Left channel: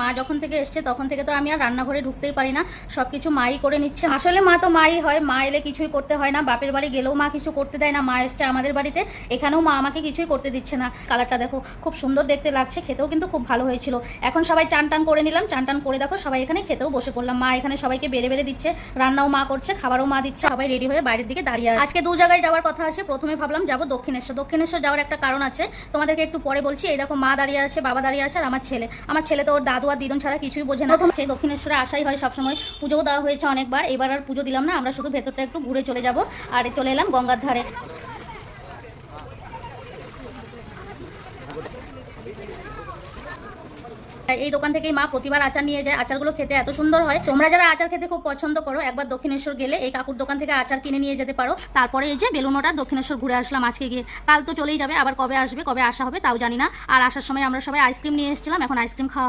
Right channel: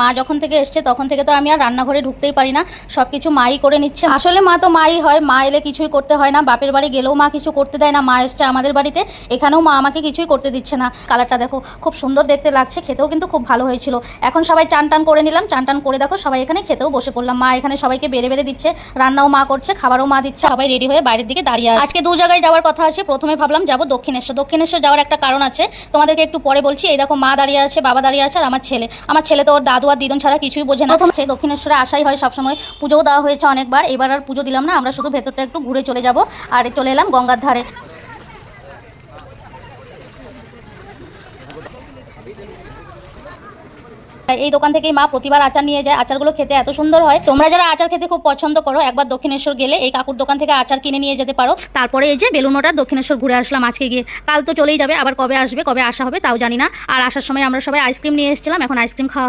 মা যখন থেকে এসছে তখন থেকে তো আমি আর রান্নাঘরে ঢুকতেই পারি না, সব কিছু মাই করে নিচ্ছে। আসলে মা তো মাই হয়, মা এলে কিছুই করতে হয় না। বাপের বাড়ি গেলেও মা কিছু করতে দেয় না, মা এসছে আমাদের বাড়িতে, এখানেও মা আমাকে কিছুই করতে দিচ্ছে না। কালারটা দেখো খুব সুন্দর দেখতে লাগছে, খেতেও কিন্তু খুব ভালো হয়েছিল। এখন সবাই চান টান করে নিলাম, চান টান করে দেখো সবাই এখানে খেতেও বসে পড়লাম। মা এখানে সবাইকে বেড়ে বেড়ে দিচ্ছে, রান্নাও মা করছে, খাবারও মা দিচ্ছে। সবাই রেডি হয়ে বাইরের দিকে দাঁড়িয়ে আছে। আজকে 2 জায়গায় যাওয়ার কথা আছে। প্রথমে ভাবলাম যাবো দক্ষিণেশ্বর যাওয়ার একটা কারণ আছে, তোমাদেরকে একটু পরে বলছি। এই দেখো মা দাঁড়িয়ে আছে, বাবা দাঁড়িয়ে আছে, আর আমার ছেলে তো ওর দাদু আর দিদুন ছাড়া কিছুই বোঝে না। প্রথম দক্ষিণেশ্বরে আসাই হয় সবসময়, পুজোও দেওয়া হয়েছে অনেকবার, এবার আর পুজো দিলাম না, আমরা শুধু ভেতরটা একটু ঘুরে চলে যাব। আর চলে এলাম গঙ্গার ধারে। এই দোকান থেকেই মা প্রতিবার আচার নিয়ে যায়, আচারগুলো খেতে এত সুন্দর হয়। তোমরা যারা আচার খেতে খুব পছন্দ করো, একবার দক্ষিণেশ্বর গেলে এই কাকুর দোকান থেকে আচার কিনে নিয়ে যেতে পারো। তারপরে এই যে বেলুনোটা দক্ষিণেশ্বর ঘুরে আসলাম আজকে গিয়ে, কাল তো চলেই যাবে, আবার কবে আসবে কবে আসা হবে তাও জানি না। আর আসার সময় আমরা সবাই আইসক্রিম নিয়ে এসেছিলাম, এখন আইসক্রিম খাওয়া হবে।